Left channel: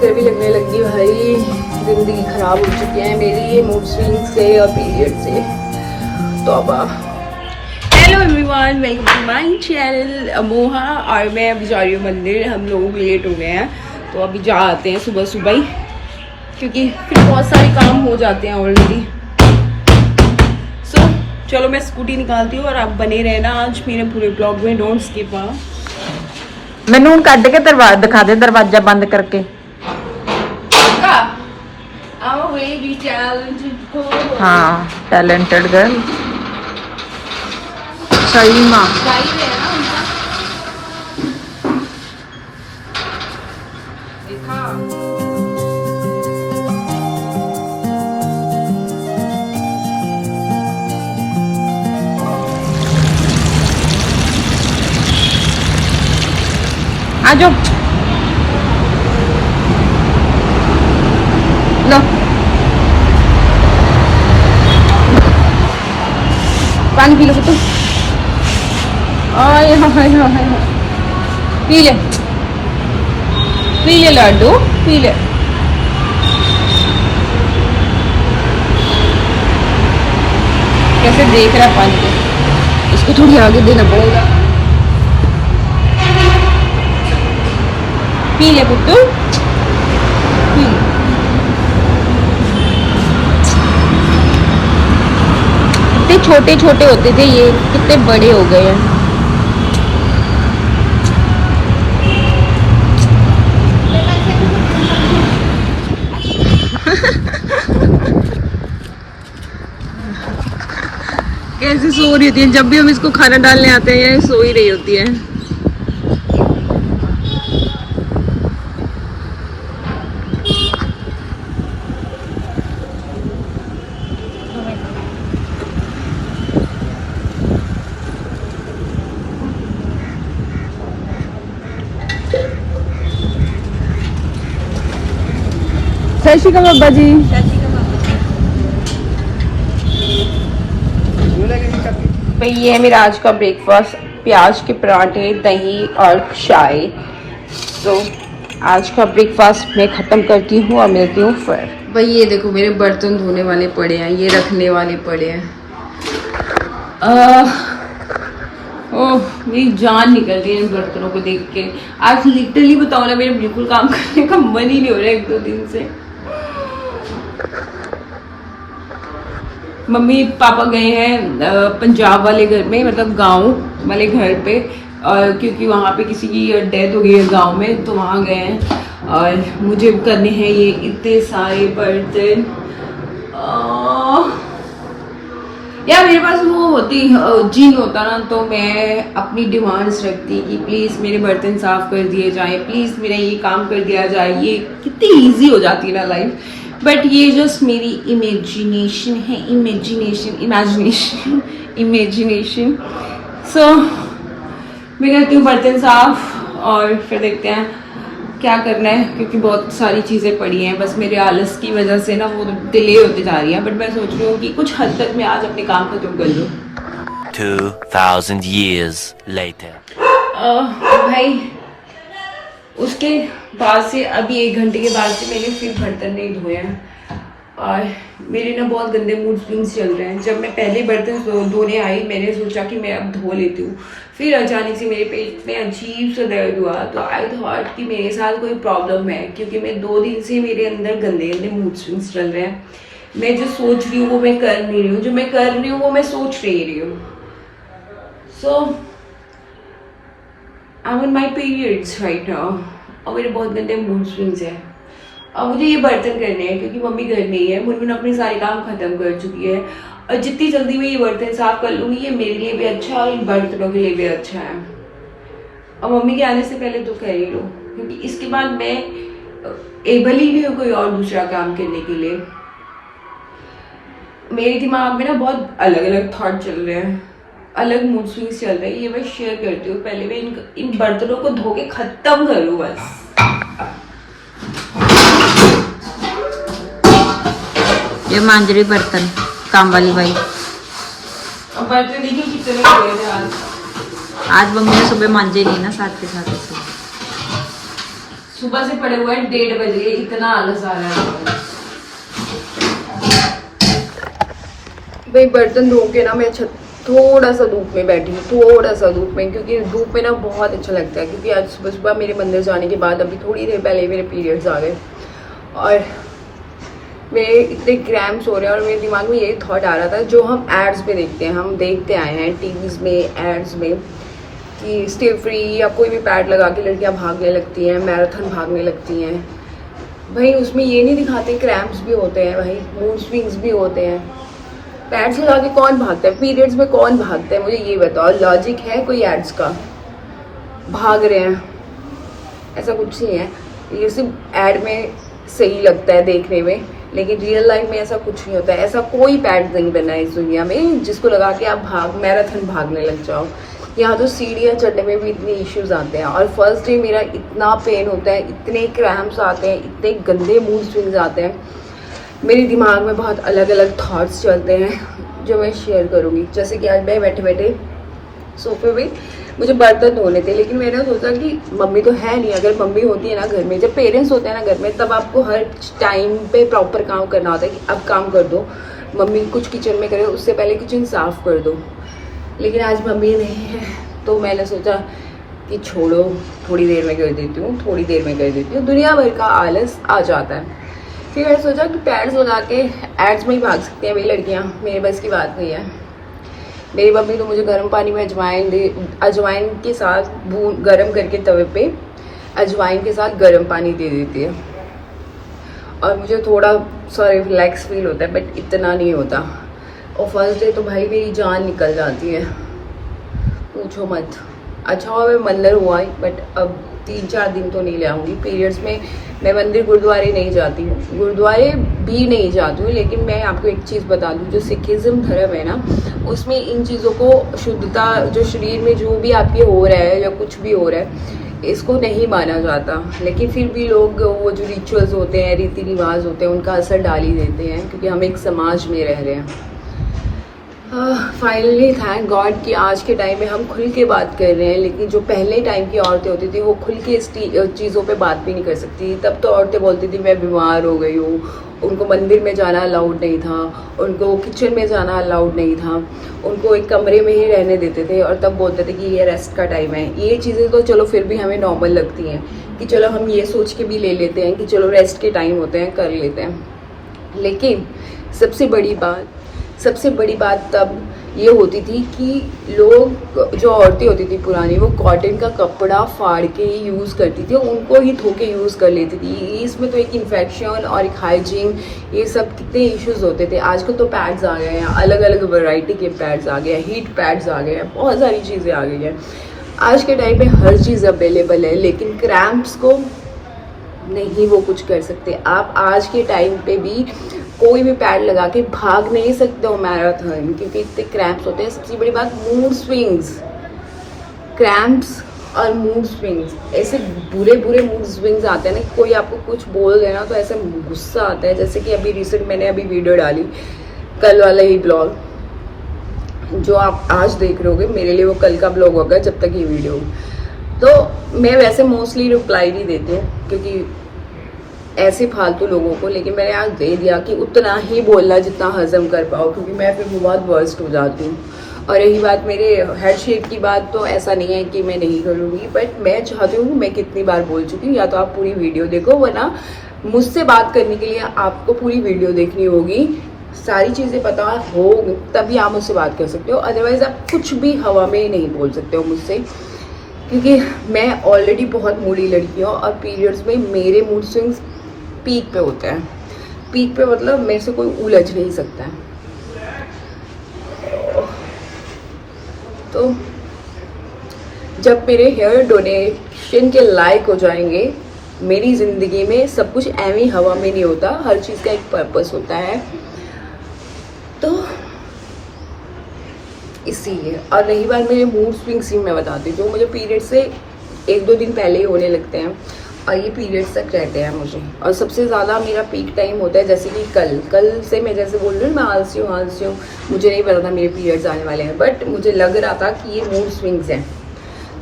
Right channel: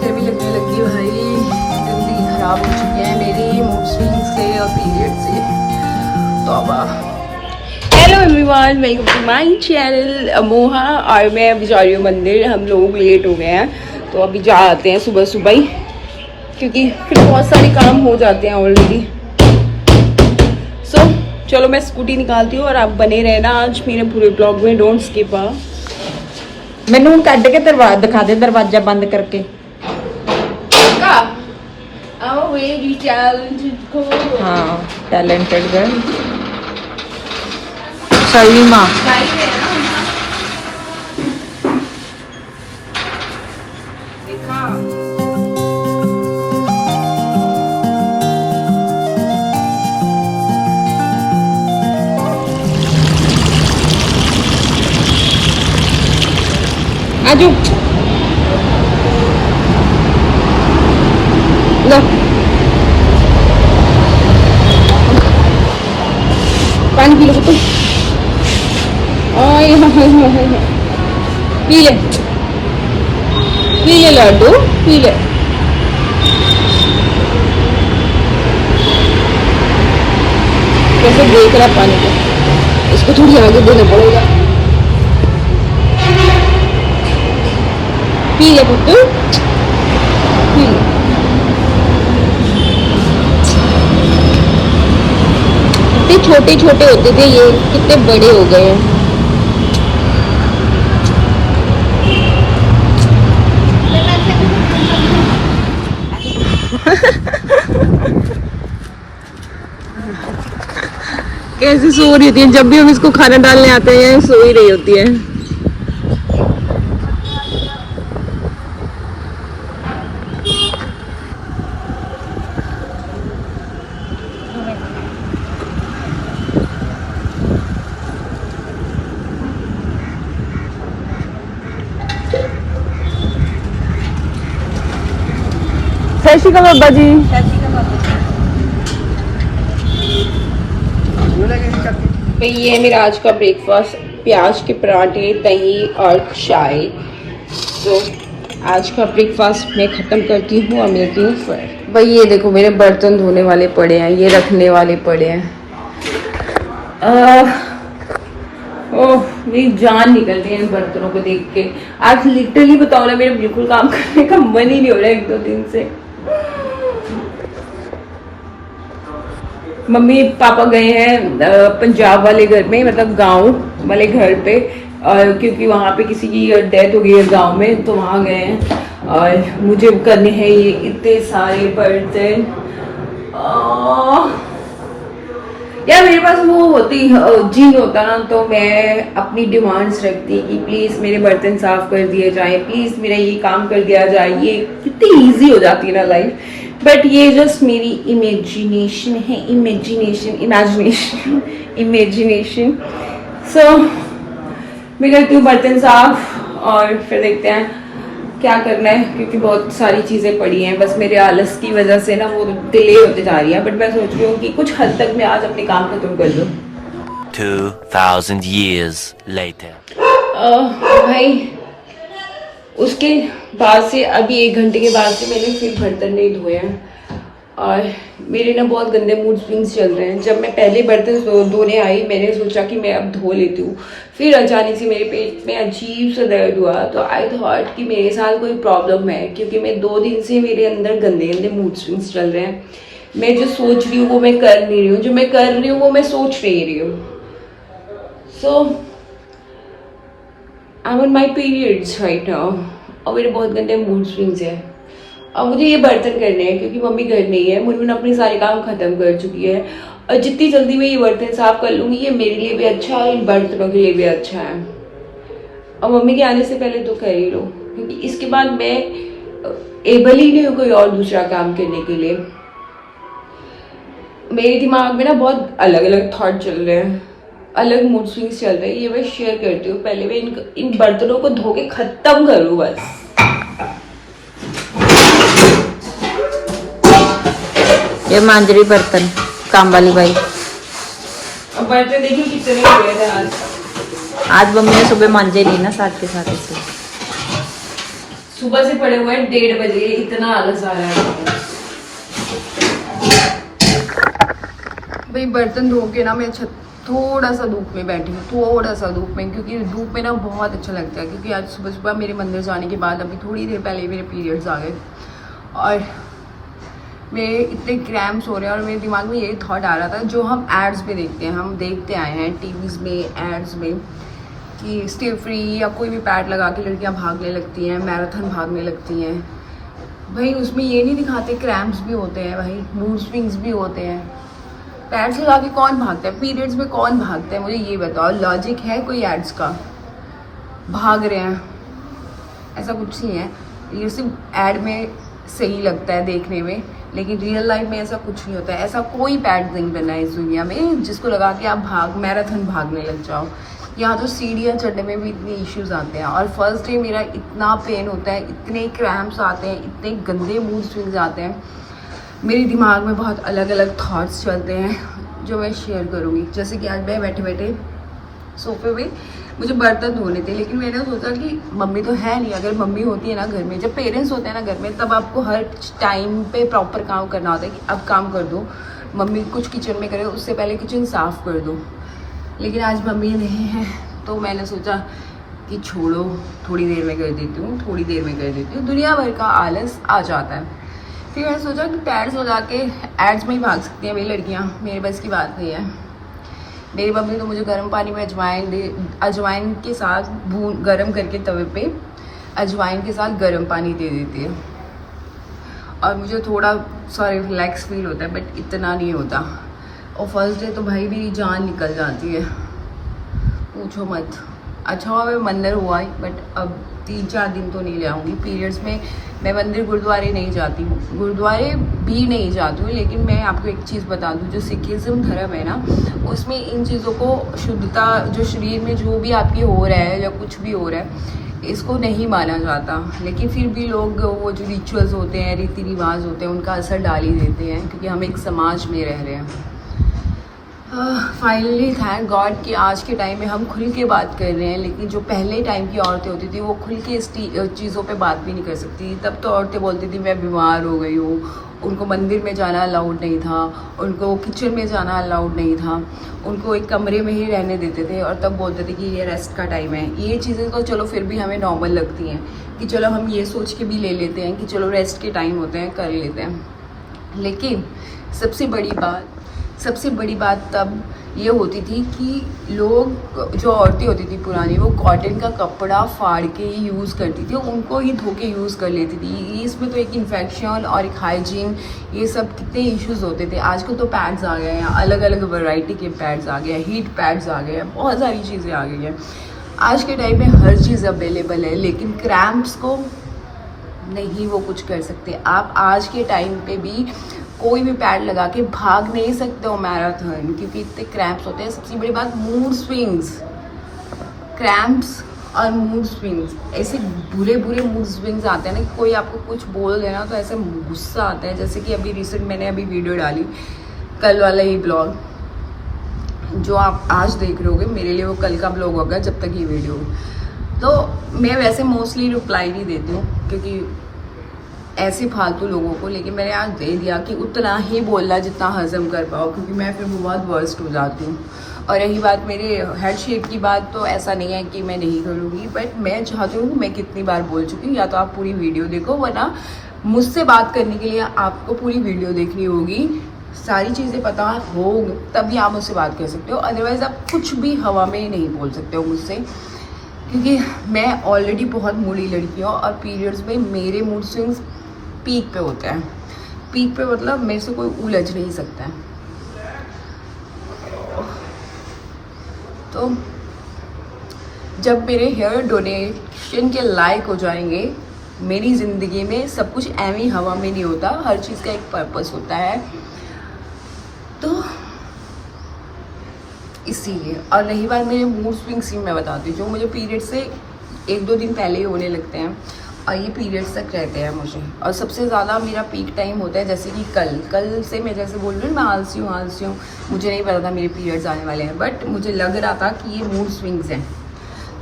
चक्कर भी लगने लगी भाई, जिंदगी खराब हो चुकी है मेरी मूड स्विंग से और पीरियड से। तौबा। Hello everyone, welcome to my channel Amoha. और मैं अभी जा रही हूँ मंदिर। हम लोग लेट हो गए हैं तो अभी जा आते हैं सुबह सुबह ही, क्योंकि फिर बहुत सारे काम हो जाते हैं ऑलरेडी। सो चलो मैं स्कूटी निकालती हूँ और आप बने रहना आज मेरे पूरे ब्लॉग में, डोंट स्किप। मैनू कट के दरवाजा दिखा दे, दरवाजा बंद करके। हाँ, टैलेंटेड गर्ल सही माँ। आजो लो, पानी पी लो पुत्तू। आय हाय हाय हाय, पी ले लड्डू, पी ले। कैसे देख रहा है पानी को, इसको थोड़ी आगे देना पड़ेगा। पी ले पुत्तू, पी ले। कितने छोटे छोटे होते थे ये, कितने बड़े हो गए हैं। कैसे सो रही होती है, जब भी हम इसको खाना डालने आते हैं ये सो ही रही होती है। सत श्री अकाल बाबा जी। भाई ये है मेरा आज का ब्रेकफास्ट, प्याज के पराठे, दही और चाय। तो आज का ब्रेकफास्ट मैं खत्म करती हूँ और मिलती हूँ फिर। भाई ये देखो मेरे बर्तन धोने वाले पड़े हैं, ये रखने वाले पड़े हैं। ओह मेरी जान निकल रही है इन बर्तनों को देख के। आज लिटरली बताओ ना, मेरा बिल्कुल काम करने का मन ही नहीं हो रहा है 1-2 दिन से। मम्मी पापा गए हैं पंजाब वाले घर में, मतलब गांव वाले घर पे, और क्योंकि वहाँ पे किसी की डेथ हो गई है गांव में, तो वहाँ गए हैं और मुझे करने हैं ये इतने सारे बर्तन। यार मेरे पास वो होती जी होता ना, तो मैं अपनी डिमांड्स रखती कि प्लीज मेरे बर्तन साफ कर दिए जाए, प्लीज मेरा ये काम कर दिया जाए। ये कितनी इजी हो जाती है ना लाइफ। बट ये जस्ट मेरी इमेजिनेशन है, इमेजिनेशन। सो मैं करती हूँ बर्तन साफ और फिर देखते हैं क्या करना है, क्योंकि बहुत सारी चीज़ें पड़ी हैं। बस मेरे आलस की वजह से ना वो डिले होते जा रही है। बट मैं सोच रही हूँ कि कुछ हद तक मैं आज अपने काम खत्म कर लूँ। 2000 years later. भाई उसके बाद से अभी 1 घंटे के बाद से मैंने फिर बर्तन नहीं धोए हैं और मेरे ना बहुत गंदे मूड स्विंग्स चल रहे हैं। जब मैं पहले बर्तन धोने आई मैंने सोचा कि मैं अब धो लेती हूँ, फिर अचानक से मेरे पेट में अजीब सा दर्द हुआ, तो आई थॉट कि मेरे साथ कोई प्रॉब्लम है, क्योंकि मैं 2 दिन से मेरे अंदर गंदे गंदे मूड स्विंग्स चल रहे हैं। मैं जो सोच रही हूँ वो मैं कर नहीं रही हूँ, जो मैं कर रही हूँ वो मैं सोच नहीं रही हूँ। So I am on my periods right now और मेरे बहुत गंदे मूड स्विंग्स हैं। अब मुझे ये बर्तन करने हैं क्योंकि मम्मी घर नहीं है, मुनमुन अपने सारे काम खत्म कर चुकी है और जितनी जल्दी मैं ये बर्तन साफ कर लूँगी ये मेरे लिए भी अच्छा है और इन बर्तनों के लिए भी अच्छा है। और मम्मी के आने से पहले तो कर ही लो, क्योंकि इसके बाद मैं एबल ही नहीं हूँ कोई और दूसरा काम करने के लिए। मेरे दिमाग में ना बहुत अलग अलग थॉट चल रहे हैं, अलग मूड स्विंग्स चल रहे हैं। ये मैं शेयर करती हूँ। पहले मैं इन बर्तनों को धो के खत्म करूँ बस। ये मांज रही बर्तन काम वाली भाई। अब बर्तन देखिए कितने हुए थे आज मम्मी ने सुबह मांजे नहीं ना साथ के साथ। सुबह से पड़े हुए हैं 1:30 बजे, इतना आलस आ रहा है। भाई बर्तन धो के ना मैं थोड़ा सा धूप में बैठी हूँ, थोड़ा सा धूप में, क्योंकि धूप में ना बहुत अच्छा लगता है। क्योंकि आज सुबह सुबह मेरे मंदिर जाने के बाद अभी थोड़ी देर पहले मेरे पीरियड्स आ गए और मेरे इतने क्रैम्प्स हो रहे हैं और मेरे दिमाग में यही थॉट आ रहा था जो हम एड्स में देखते हैं, हम देखते आए हैं टीवीज़ में, एड्स में, कि स्टिल फ्री या कोई भी पैड लगा के लड़कियां भागने लगती हैं, मैराथन भागने लगती हैं। भाई उसमें ये नहीं दिखाते क्रैम्प्स भी होते हैं, भाई मूड स्विंग्स भी होते हैं। पैड्स लगा के कौन भागता है? पीरियड्स में कौन भागता है? मुझे ये बताओ, लॉजिक है कोई एड्स का? भाग रहे हैं, ऐसा कुछ नहीं है। ये सिर्फ एड में सही लगता है देखने में, लेकिन रियल लाइफ में ऐसा कुछ नहीं होता है। ऐसा कोई पैड नहीं बना है इस दुनिया में जिसको लगा के आप मैराथन भागने लग जाओ। यहाँ तो सीढ़ियाँ चढ़ने में भी इतने इश्यूज आते हैं और फर्स्ट डे मेरा इतना पेन होता है, इतने क्रैम्प्स आते हैं, इतने गंदे मूड स्विंग्स आते हैं, मेरे दिमाग में बहुत अलग अलग थॉट्स चलते हैं जो मैं शेयर करूँगी। जैसे कि आज मैं बैठे बैठे सोफे पे, मुझे बर्तन धोने थे, लेकिन मैंने सोचा कि मम्मी तो है नहीं। अगर मम्मी होती है ना घर में, जब पेरेंट्स होते हैं ना घर में, तब आपको हर टाइम पे प्रॉपर काम करना होता है कि अब काम कर दो, मम्मी कुछ किचन में करे उससे पहले किचन साफ़ कर दो। लेकिन आज मम्मी नहीं है तो मैंने सोचा कि छोड़ो, थोड़ी देर में कर देती हूँ, थोड़ी देर में कर देती हूँ। दुनिया भर का आलस आ जाता है। फिर मैंने सोचा कि पैड्स लगा के एड्स में ही भाग सकती हैं भाई लड़कियाँ, मेरे बस की बात नहीं है। मेरी मम्मी तो मुझे गर्म पानी में अजवाइन के साथ गर्म करके तवे पे अजवाइन के साथ गर्म पानी दे देती है और मुझे थोड़ा सा रिलैक्स फील होता है, बट इतना नहीं होता। और फर्स्ट डे तो भाई मेरी जान निकल जाती है, पूछो मत। अच्छा हुआ मैं मंदिर हुआ ही, बट अब 3-4 दिन तो नहीं ले आऊँगी। पीरियड्स में मैं मंदिर गुरुद्वारे नहीं जाती हूँ, गुरुद्वारे भी नहीं जाती हूँ। लेकिन मैं आपको एक चीज़ बता दूँ, जो सिखिज़्म धर्म है ना, उसमें इन चीज़ों को शुद्धता, जो शरीर में जो भी आपके हो रहा है या कुछ भी हो रहा है, इसको नहीं माना जाता। लेकिन फिर भी लोग वो जो रिचुअल्स होते हैं, रीति रिवाज होते हैं, उनका असर डाल ही देते हैं, क्योंकि हम एक समाज में रह रहे हैं। फाइनली थैंक गॉड कि आज के टाइम में हम खुल के बात कर रहे हैं। लेकिन जो पहले टाइम की औरतें होती थी वो खुल के इस चीज़ों पे बात भी नहीं कर सकती। तब तो औरतें बोलती थी मैं बीमार हो गई हूँ, उनको मंदिर में जाना अलाउड नहीं था, उनको किचन में जाना अलाउड नहीं था, उनको एक कमरे में ही रहने देते थे और तब बोलते थे कि ये रेस्ट का टाइम है। ये चीज़ें तो चलो फिर भी हमें नॉर्मल लगती हैं कि चलो हम ये सोच के भी ले लेते हैं कि चलो रेस्ट के टाइम होते हैं, कर लेते हैं। लेकिन सबसे बड़ी बात तब ये होती थी कि लोग, जो औरतें होती थी पुरानी, वो कॉटन का कपड़ा फाड़ के यूज़ करती थी, उनको ही धो के यूज़ कर लेती थी। इसमें तो एक इन्फेक्शन और एक हाइजीन, ये सब कितने इश्यूज होते थे। आजकल तो पैड्स आ गए हैं, अलग अलग वैरायटी के पैड्स आ गए हैं, हीट पैड्स आ गए हैं, बहुत सारी चीज़ें आ गई हैं। आज के टाइम में हर चीज़ अवेलेबल है, लेकिन क्रैम्प्स को नहीं वो कुछ कर सकते। आप आज के टाइम पे भी कोई भी पैड लगा के भाग नहीं सकते हो मैराथन, क्योंकि इतने क्रैम्प्स होते हैं। सबसे बड़ी बात मूड स्विंग्स, क्रैम्प्स और मूड स्विंग्स, ऐसे बुरे मूड स्विंग्स आते हैं ना कि कोई आपको कुछ बोल देना तो ऐसे गुस्सा आता है। जैसे कि अभी रिसेंट मैंने अभी वीडियो डाली, कल वाला ही ब्लॉग जो आप आज देख रहे होगे, मेरे लिए वो कल का ब्लॉग होगा जब तक ये वीडियो। तो मैं वैसे मोस्टली रिप्लाई नहीं देती हूँ क्योंकि ऐसे फालतू लोगों को, लेकिन मैंने आज दे दिया कि उतना ही बोलना जितना हजम कर पाओ, क्योंकि मैं फिर बहुत वर्स्ट हो जाती हूँ। और रही बात मेरे हेड शेप की बात, तो ऐसा नहीं है कि मैं नहीं करूँगी, बट मैं चाहती हूँ कि मैं कितनी बार बोल चुकी हूँ। या तो आप पूरी वीडियो देखो, वरना मुझसे बात करने के लिए आपको पूरी वीडियो देखनी होगी, सारी चीज़ें पता हो तभी आप मुझसे बात कर सकते हो। अदरवाइज़ आप कुछ भी हवा में नहीं बोल सकते हो मुझसे, क्योंकि मैं ऑलरेडी बहुत मूडी लड़की हूँ और पीरियड्स में मेरे मूड स्विंग्स पीक पे होते हैं। पीक पे मतलब मेरे से कोई उलझ नहीं सकता है। तो जब मेरे हेयर डोनेशन के लायक हो जाएंगे, मेरी ज़िंदगी में सब कुछ ऐवी हवा में नहीं होता, हर चीज़ का एक पर्पस होता है। तो इसीलिए। और रही बात मेरे मूड स्विंग्स की, मैं बताती हूँ, मुझे पीरियड से 1-2 दिन पहले ही होने लगते हैं और ये पीरियड्स तक रहते हैं मुझे। और सबसे ज़्यादा मेरा पीक टाइम होता है जैसे कि कल से मैं जैसे बोल रही हूँ, मैं आलसी हूँ, मुझे नहीं पता था मेरे पीरियड्स आने वाले हैं, बट मुझे लग रहा था कि ये मूड स्विंग्स हैं।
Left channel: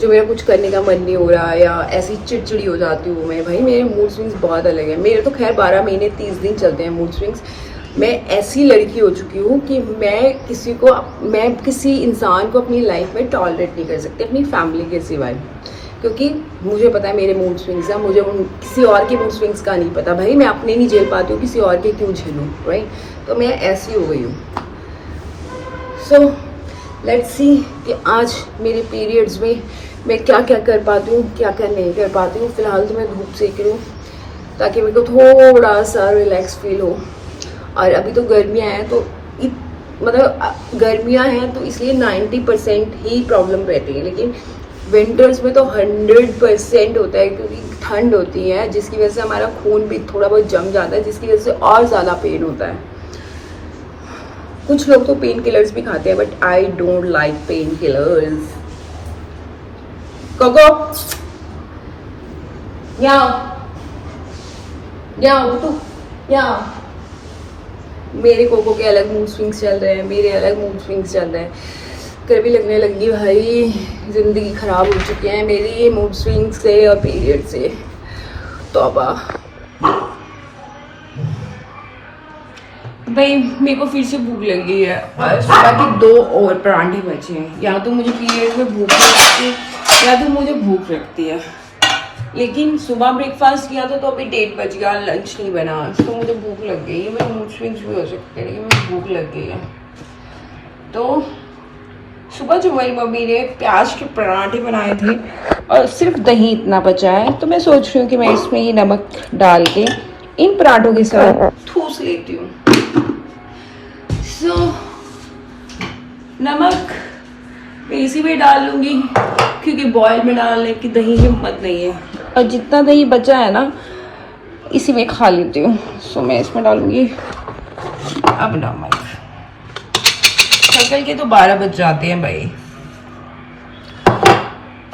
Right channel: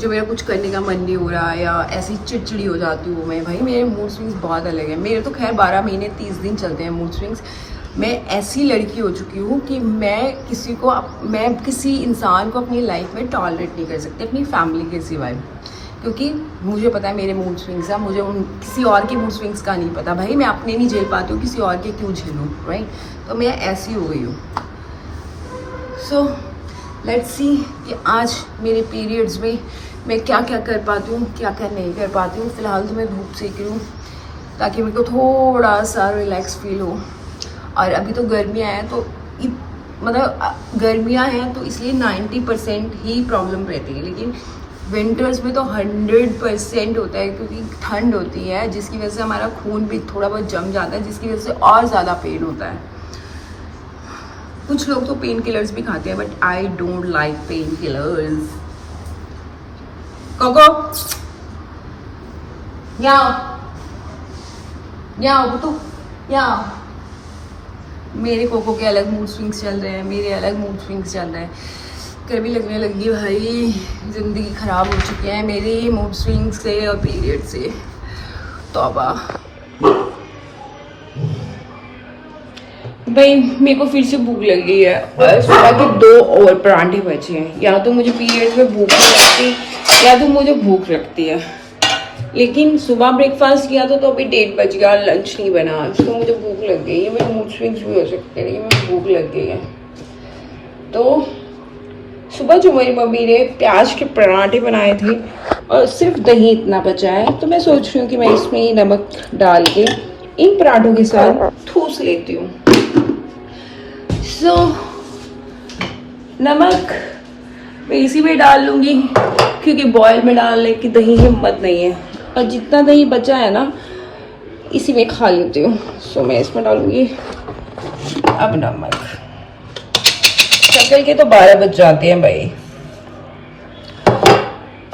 जो मेरा कुछ करने का मन नहीं हो रहा या ऐसी चिड़चिड़ी हो जाती हूँ मैं, भाई मेरे मूड स्विंग्स बहुत अलग है। मेरे तो खैर 12 महीने 30 दिन चलते हैं मूड स्विंग्स। मैं ऐसी लड़की हो चुकी हूँ कि मैं किसी इंसान को अपनी लाइफ में टॉलरेट नहीं कर सकती, अपनी फैमिली के सिवाय, क्योंकि मुझे पता है मेरे मूड स्विंग्स हैं। मुझे किसी और के मूड स्विंग्स का नहीं पता। भाई मैं अपने नहीं झेल पाती हूँ, किसी और के क्यों झेलूँ, राइट? तो मैं ऐसी हो गई हूँ। सो लेट्स सी कि आज मेरे पीरियड्स में मैं क्या क्या कर पाती हूँ, क्या क्या नहीं कर पाती हूँ। फिलहाल तो मैं धूप सेक रही हूँ ताकि मेरे को थोड़ा सा रिलैक्स फील हो। और अभी तो गर्मियाँ हैं, तो मतलब गर्मियाँ हैं तो इसलिए 90% ही प्रॉब्लम रहती है, लेकिन विंटर्स में तो 100% होता है, क्योंकि ठंड होती है जिसकी वजह से हमारा खून भी थोड़ा बहुत जम जाता है, जिसकी वजह से और ज़्यादा पेन होता है। कुछ लोग तो पेन किलर्स भी खाते हैं, but I don't like painkillers. Coco यहाँ मेरे कोको के अलग मूड स्विंग्स चल रहे हैं, मेरे अलग मूड स्विंग्स चल रहे हैं। कभी लगने लगी भाई ज़िंदगी ख़राब हो चुकी है मेरी मूड स्विंग्स से और पीरियड से। तौबा। भाई मेरे को फिर से भूख लग गई है और सुबह के 2 और परांठे बचे हैं। या तो मुझे पीरियड में भूख नहीं लगती या तो मुझे भूख लगती है, लेकिन सुबह ब्रेकफास्ट किया तो अभी 1:30 बज गया, लंच नहीं बना, तो मुझे भूख लग गई है। मेरे मूड स्विंग्स भी हो सकते हैं, लेकिन मुझे भूख लग गई है। तो सुबह जो मेरी मम्मी ने प्याज के पराठे बनाए थे और सिर्फ दही इतना बचा है, तो मैं सोच रही हूँ कि मैं इसमें ही नमक डाल के इन पराठों के साथ ठूस लेती हूँ। नमक मैं इसी में डाल लूँगी, क्योंकि बॉयल में डालने की दही हिम्मत नहीं है, और जितना दही बचा है ना इसी में खा लेती हूँ। सो मैं इसमें डालूँगी अब नमक। शक्ल के तो 12 बज जाते हैं भाई,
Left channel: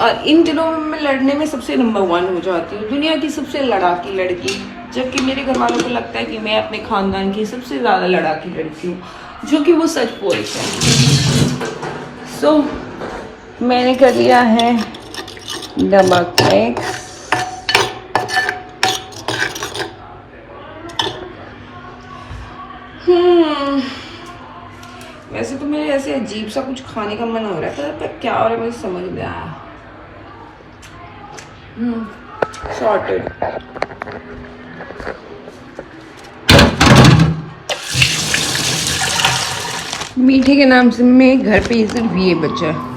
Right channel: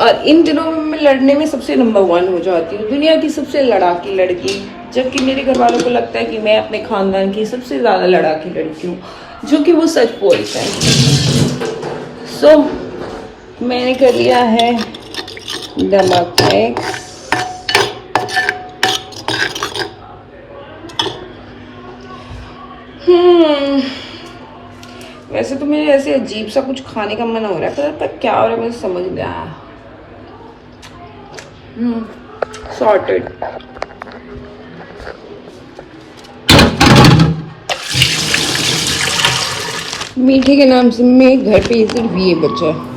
और इन दिनों में मैं लड़ने में सबसे नंबर 1 हो जाती हूँ, दुनिया की सबसे लड़ाकी लड़की। जबकि मेरे घर वालों को लगता है कि मैं अपने खानदान की सबसे ज़्यादा लड़ाकी लड़की हूँ, जो कि वो सच बोलते हैं। सो मैंने कर लिया है नमक मिक्स। वैसे तो मेरे ऐसे अजीब सा कुछ खाने का मन हो रहा है, पर क्या हो रहा है मुझे समझ नहीं आया। सॉर्टेड। मीठे के नाम से मेरे घर पे सिर्फ ये बचा है।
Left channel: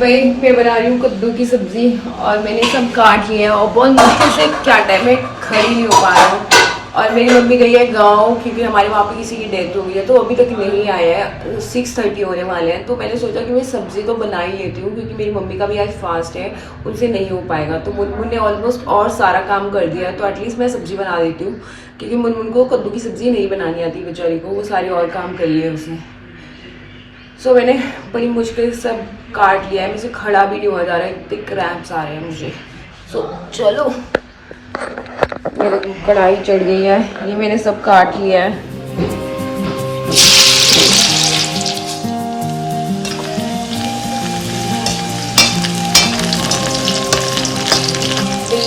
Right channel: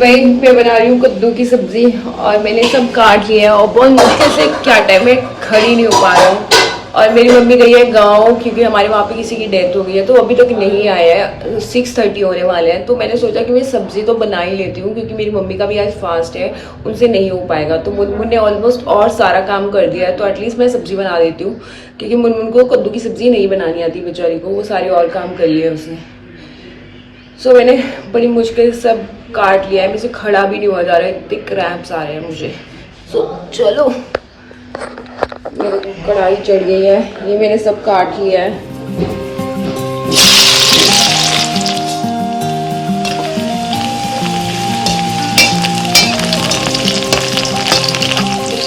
भाई मैं बना रही हूँ कद्दू की सब्जी, और मैंने सब काट लिया है और बहुत मुश्किल से क्या टाइम में खड़ी नहीं हो पा रहा हूँ। और मेरी मम्मी गई है गाँव, क्योंकि हमारे वहाँ पे किसी की डेथ हो गई है, तो अभी तक नहीं आया है। 6:30 होने वाले हैं, तो मैंने सोचा कि मैं सब्जी तो बना ही लेती हूँ, क्योंकि मेरी मम्मी का भी आज फास्ट है, उनसे नहीं हो पाएगा। तो मुनमुन ने ऑलमोस्ट और सारा काम कर दिया है, तो एटलीस्ट मैं सब्जी बना देती हूँ, क्योंकि मुनमुन को कद्दू की सब्जी नहीं बनानी आती बेचारी को, वो सारे और काम कर लिए उसने। सो मैंने बड़ी मुश्किल से सब काट लिया है, मुझे खड़ा भी नहीं हुआ जा रहा है, इतने क्रैम्प्स आ रहे हैं मुझे। सो चलो, मेरे को कढ़ाई चढ़ गई है, ये मैंने सब काट लिया है।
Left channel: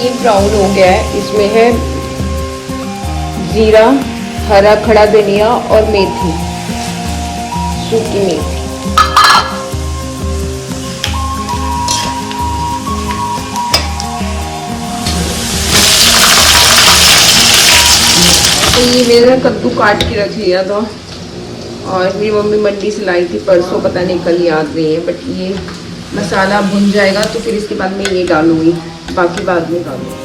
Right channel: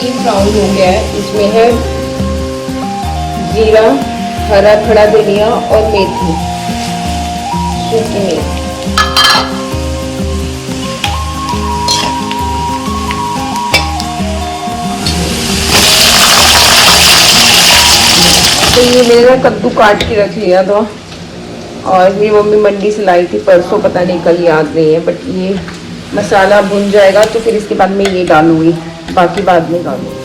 ये ब्राउन हो गया है, इसमें है जीरा, हरा खड़ा धनिया और मेथी, सूखी मेथी। तो ये मैंने कद्दू काट के रख लिया था, और मेरी मम्मी मंडी से लाई थी परसों, पता नहीं कल, याद नहीं है। बट ये मसाला भुन जाएगा तो फिर इसके बाद मैं ये डालूंगी, बाकी बाद में डालूंगी।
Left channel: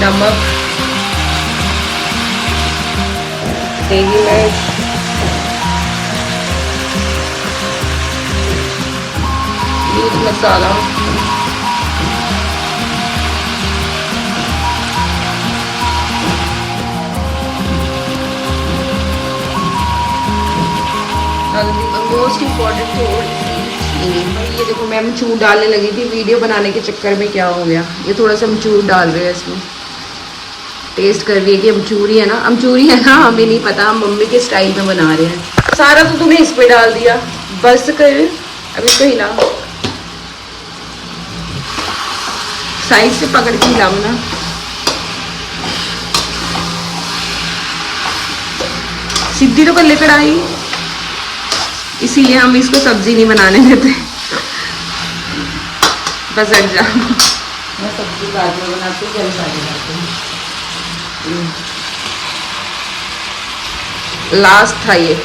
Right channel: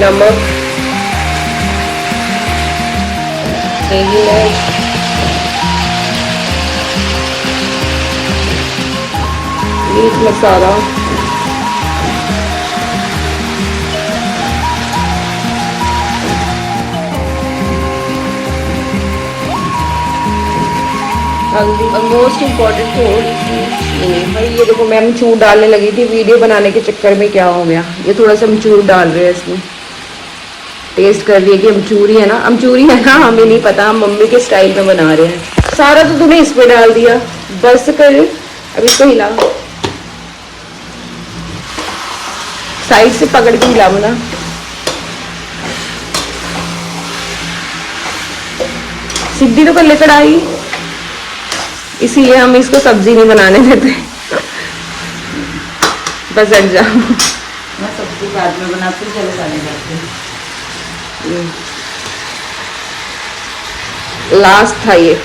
नमक, देगी मिर्च, मीट मसाला, हल्दी। और मोस्ट इम्पोर्टेंट थोड़ी सी चीनी। भाई ये देखो मैं अमचूर डालने लगी थी, वीडियो बनाने के चक्कर में क्या हो गया, ये थोड़ा सा अमचूर डाल रहे हैं इसमें। टेस्ट कर रही है कि अमचूरी है ना, अमचूरी है ना, हमें नहीं पता, हम मम्मी के स्टाइल में बना रहे हैं। सारा तो तूने इसमें डाल दिया, बस कर। अब इसको हिला, साइड से पकड़ के हिलाओ ना। सीधी तो कर ले कढ़ाई, इसीलिए हम इसको सब्जी नहीं बनाने देते। बस हट जा। मैं सब्जी बाद में बनाती हूँ, जल्दी बन जाती है। लास्ट था ये।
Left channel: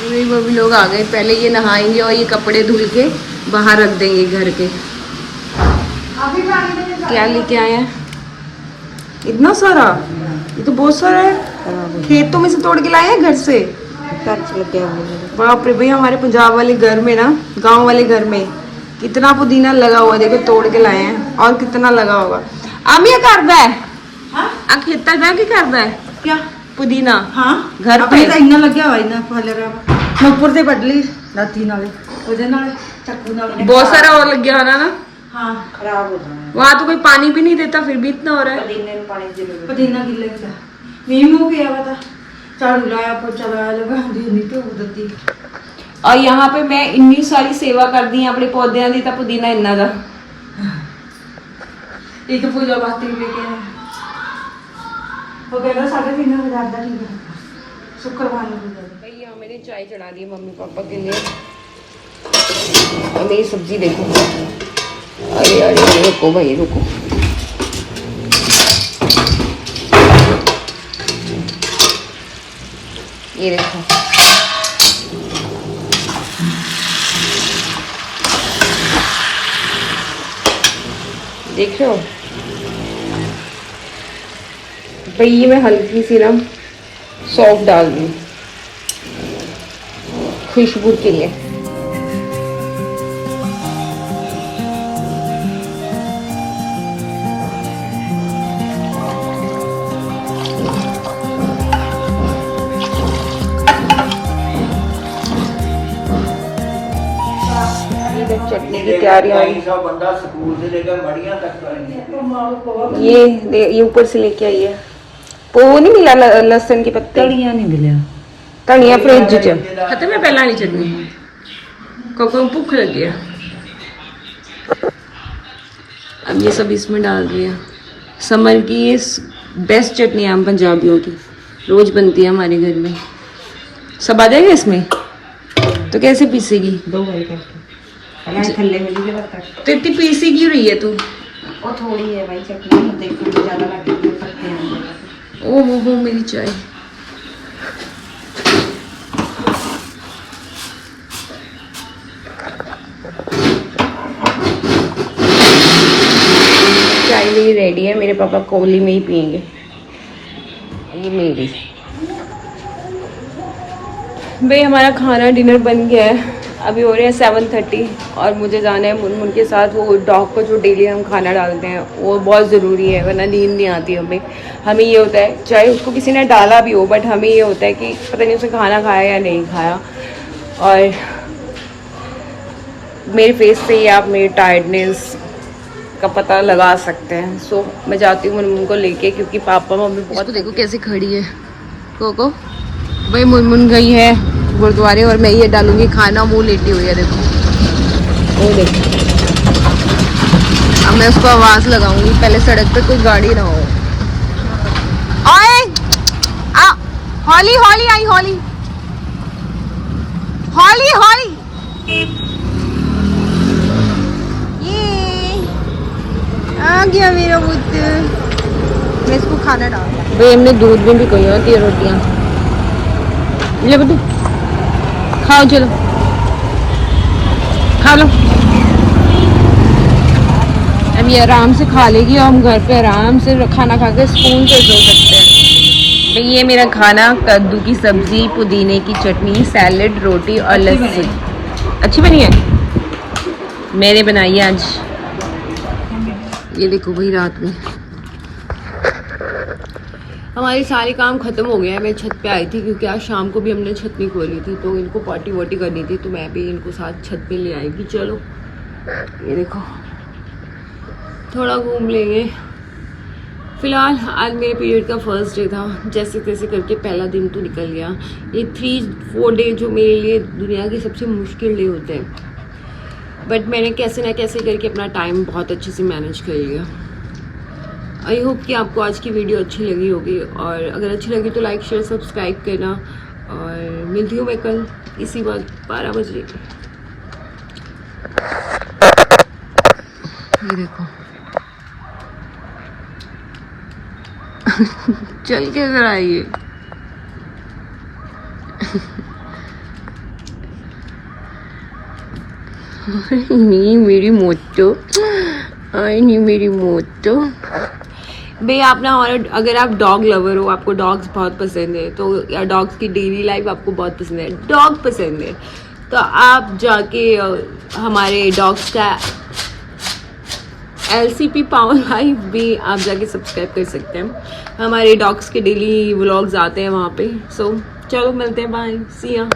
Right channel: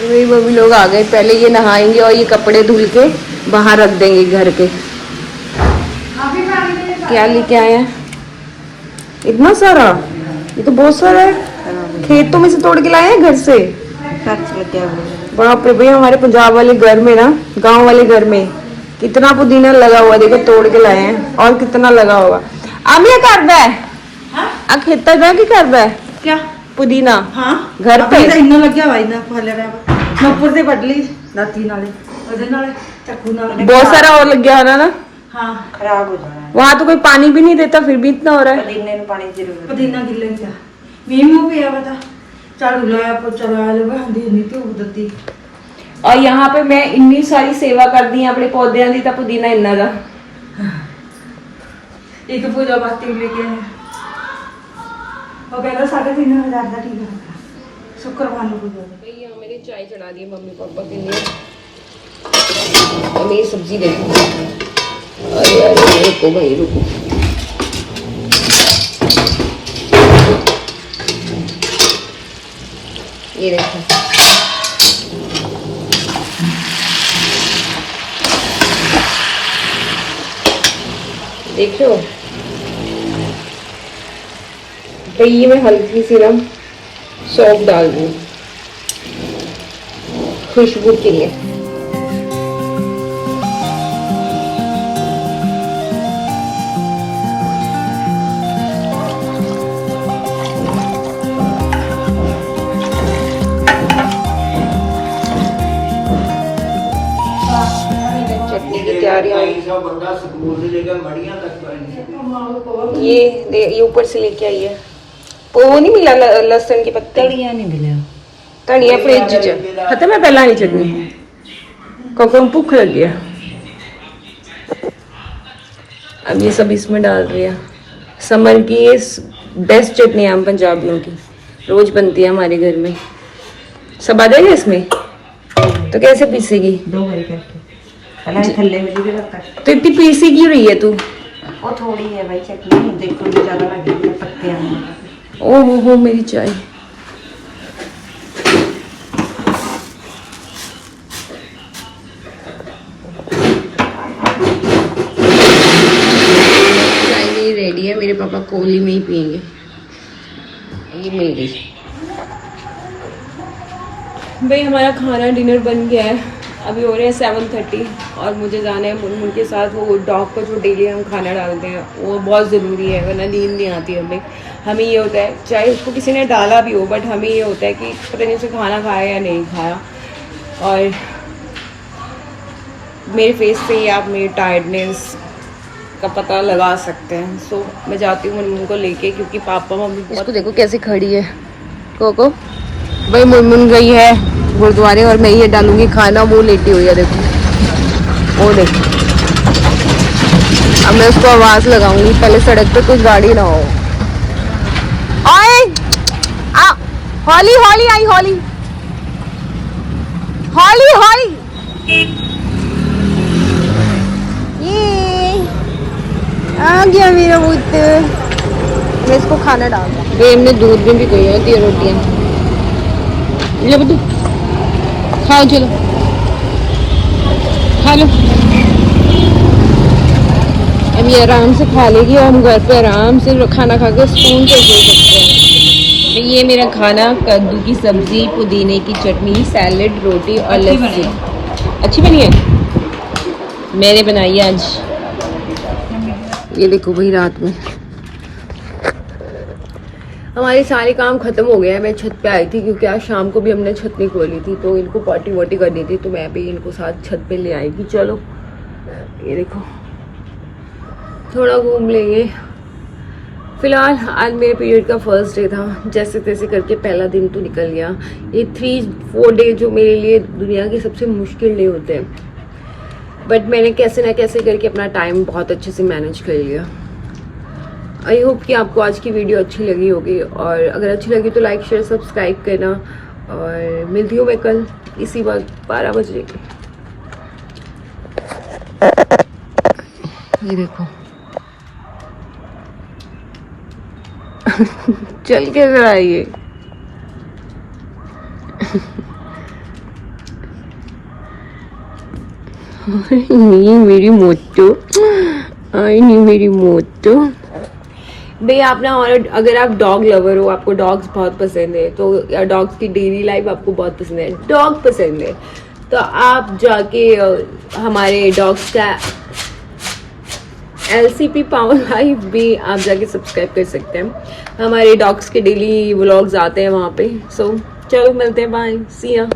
मेरी मम्मी लोग आ गए, पहले ये नहाएंगे और ये कपड़े धुल के बाहर रख देंगे घर के। क्या लेके आया इतना सारा? ये तो बहुत सारा है, खेतों में से तोड़ के लाए हैं घर से। बाप रे भाई, हमारे पंजाब वाले घर में ना, गांव वाले घर में कितना पुदीना लगा हुआ, देखो तोड़ के लाए हैं। और कितना लगा होगा। आमिया करदा है आ खेता जा की करदा है क्या पुदीना? हाँ घर पे इन्ना लग्या हुआ, इन्ना फल रहा। मैं ऊपर से बढ़ ली दाती नाले वजन नाले चक्कू नाले। बहुत सारा और लग गया होना ना। हाँ खराब हो जाए। वहां तो कोई पानी भी नहीं देता, फिर भी इतना हो रहा है। पुदीने में पानी जरूर, पुदीना गिल्ले का मीम हो गया बता। झाड़ू लाया, पोछा लाया, लोग आंधी नहीं तो दती। और यहाँ पे मैं इतनी सारी सेवा कर दी अपने पौधों की, तो पुदीना इन्ना दा एक पूजा पाती लेके वो कहता 3,500 का ठीक है, शुक्रवार को भैया मैंने चाय चढ़ा दी मम्मी पापा के लिए। और मेरी सब्जी देखो, अरे अरे रुको भाई रुको। ये देखो, देख रहे हो भाई, ये मैं हल्की सी ना सौंफ डाल रही हूँ खुशबू के लिए। चटनी की तैयारी ये ऊपर से लेके आई है। वो नहीं मिला लहसुन की पत्ती, तड़िया नहीं मिले, धनिया फ्रिज च खत्म है पहला नहीं चटनी, क्योंकि भूख लग गया। अब ये सब इसमें डाल रही है। समर की ये बेस्ट चटनी है हम पंजाबियों की, रोज बनती है हमारे घर में। सब आ जाएगा इसमें तो कैसे पीसेगी? 2 बजे करके पहले थल्ले में भी लगता है। तो इतनी पीसी क्यों रही है तू? वो थोड़ी है भाई चटनी, देखो तो ज्यादा लग रही है पत्ते हैं। ओह हो मेरी चाय। चाय मेरी रेडी है, मेरे पापा कोली में ही पियेंगे। ये मेरी भाई, हमारा खाना डिनर बन गया है। अभी हो रहे हैं 7:30 और मुझे जाना है मुनमुन के साथ। वो डॉग को जो डेली हम खाना डालते हैं वो बहुत ज़रूरी है, वरना नींद नहीं आती हमें। हमें ये होता है, चाहे उसको किसी ने डाला भी हो, बट हमें ये होता है कि पता नहीं उसे खाना खाया या नहीं खाया। और मेरे फेस से ही आप मेरी टायर्डनेस का पता लगा सकते हैं। सो मैं जाती हूँ मुनमुन को लेके, क्योंकि पापा मम्मी इसको देखो कैसे खड़ी है। कोको भाई, मुनमुन गई है गुरुद्वारे और मैं ये डालूंगी खाना, वो लेटी हुई है देखो, वो देखो। अब मैं उसको आवाज लगाऊंगी, पहले सड़क पे कोई गाड़ी ना हो। ओए आ, हॉली हॉली आई, हॉली हॉली हॉली। ये आ गया मेरा पुत्र। मैं इसको खाना डाल भाई, हमने दूध में भी गई होती है रोटियां। ले बेटू खाओ, चलो खा लो। अब ये आराम से खा लेगी और हम घर पे आराम से खाना खा के स्पून से सो सकते हैं। ये मेरा खाना, कद्दू की सब्जी, पुदीने की चटनी, सैलेड, रोटी और लस्सी। अच्छी बनी है, मैंने बनाई है आज। ये देखो भाई रात में हमारे सारे काम ख़त्म हो गए हैं। मैं छत पे आई थी क्योंकि आज शाम को भी हमने छत नहीं खोली थी, तो इनको पॉटी वॉटी करनी थी, तो मैं भी इनको साथ छत पे ले आई कि चलो ये देखो थोड़ा घूम लेंगे। फ़िलहाल आज मेरे पीरियड का फर्स्ट डे था, जैसे तैसे करके पहला दिन तो निकल गया। ये 3-4 डे जो मेरे लिए दुनिया के सबसे मुश्किल डे होते हैं, बट मैंने कैसे ना कैसे करके अपना टाइम बहुत अच्छे से मैनेज कर लिया। आई होप कि आपको आज की वीडियो अच्छी लगी होगी, और अगर अच्छी लगी तो लाइक शेयर सब्सक्राइब करना, और मिलती हूँ मैं कल इसी वक्त 12 बजे। ये देखो चल के जरा ये नहीं मेरी मोटो, आई नहीं मेरी मोटो। भाई आप ना, और अगर आप डॉग लवर हो, आपको डॉग्स बहुत पसंद है, तो या डॉग्स की डेली लाइफ आपको बहुत पसंद है, डॉग पसंद है, तो आप जाके हमारे डॉग्स का LCP पावर लाइफ भी आप जाके सब्सक्राइब कर सकते हैं। हमारे डॉग्स के डेली व्लॉग्स आते हैं वहाँ पे। सो चलो मिलते हैं, बाय, सी या।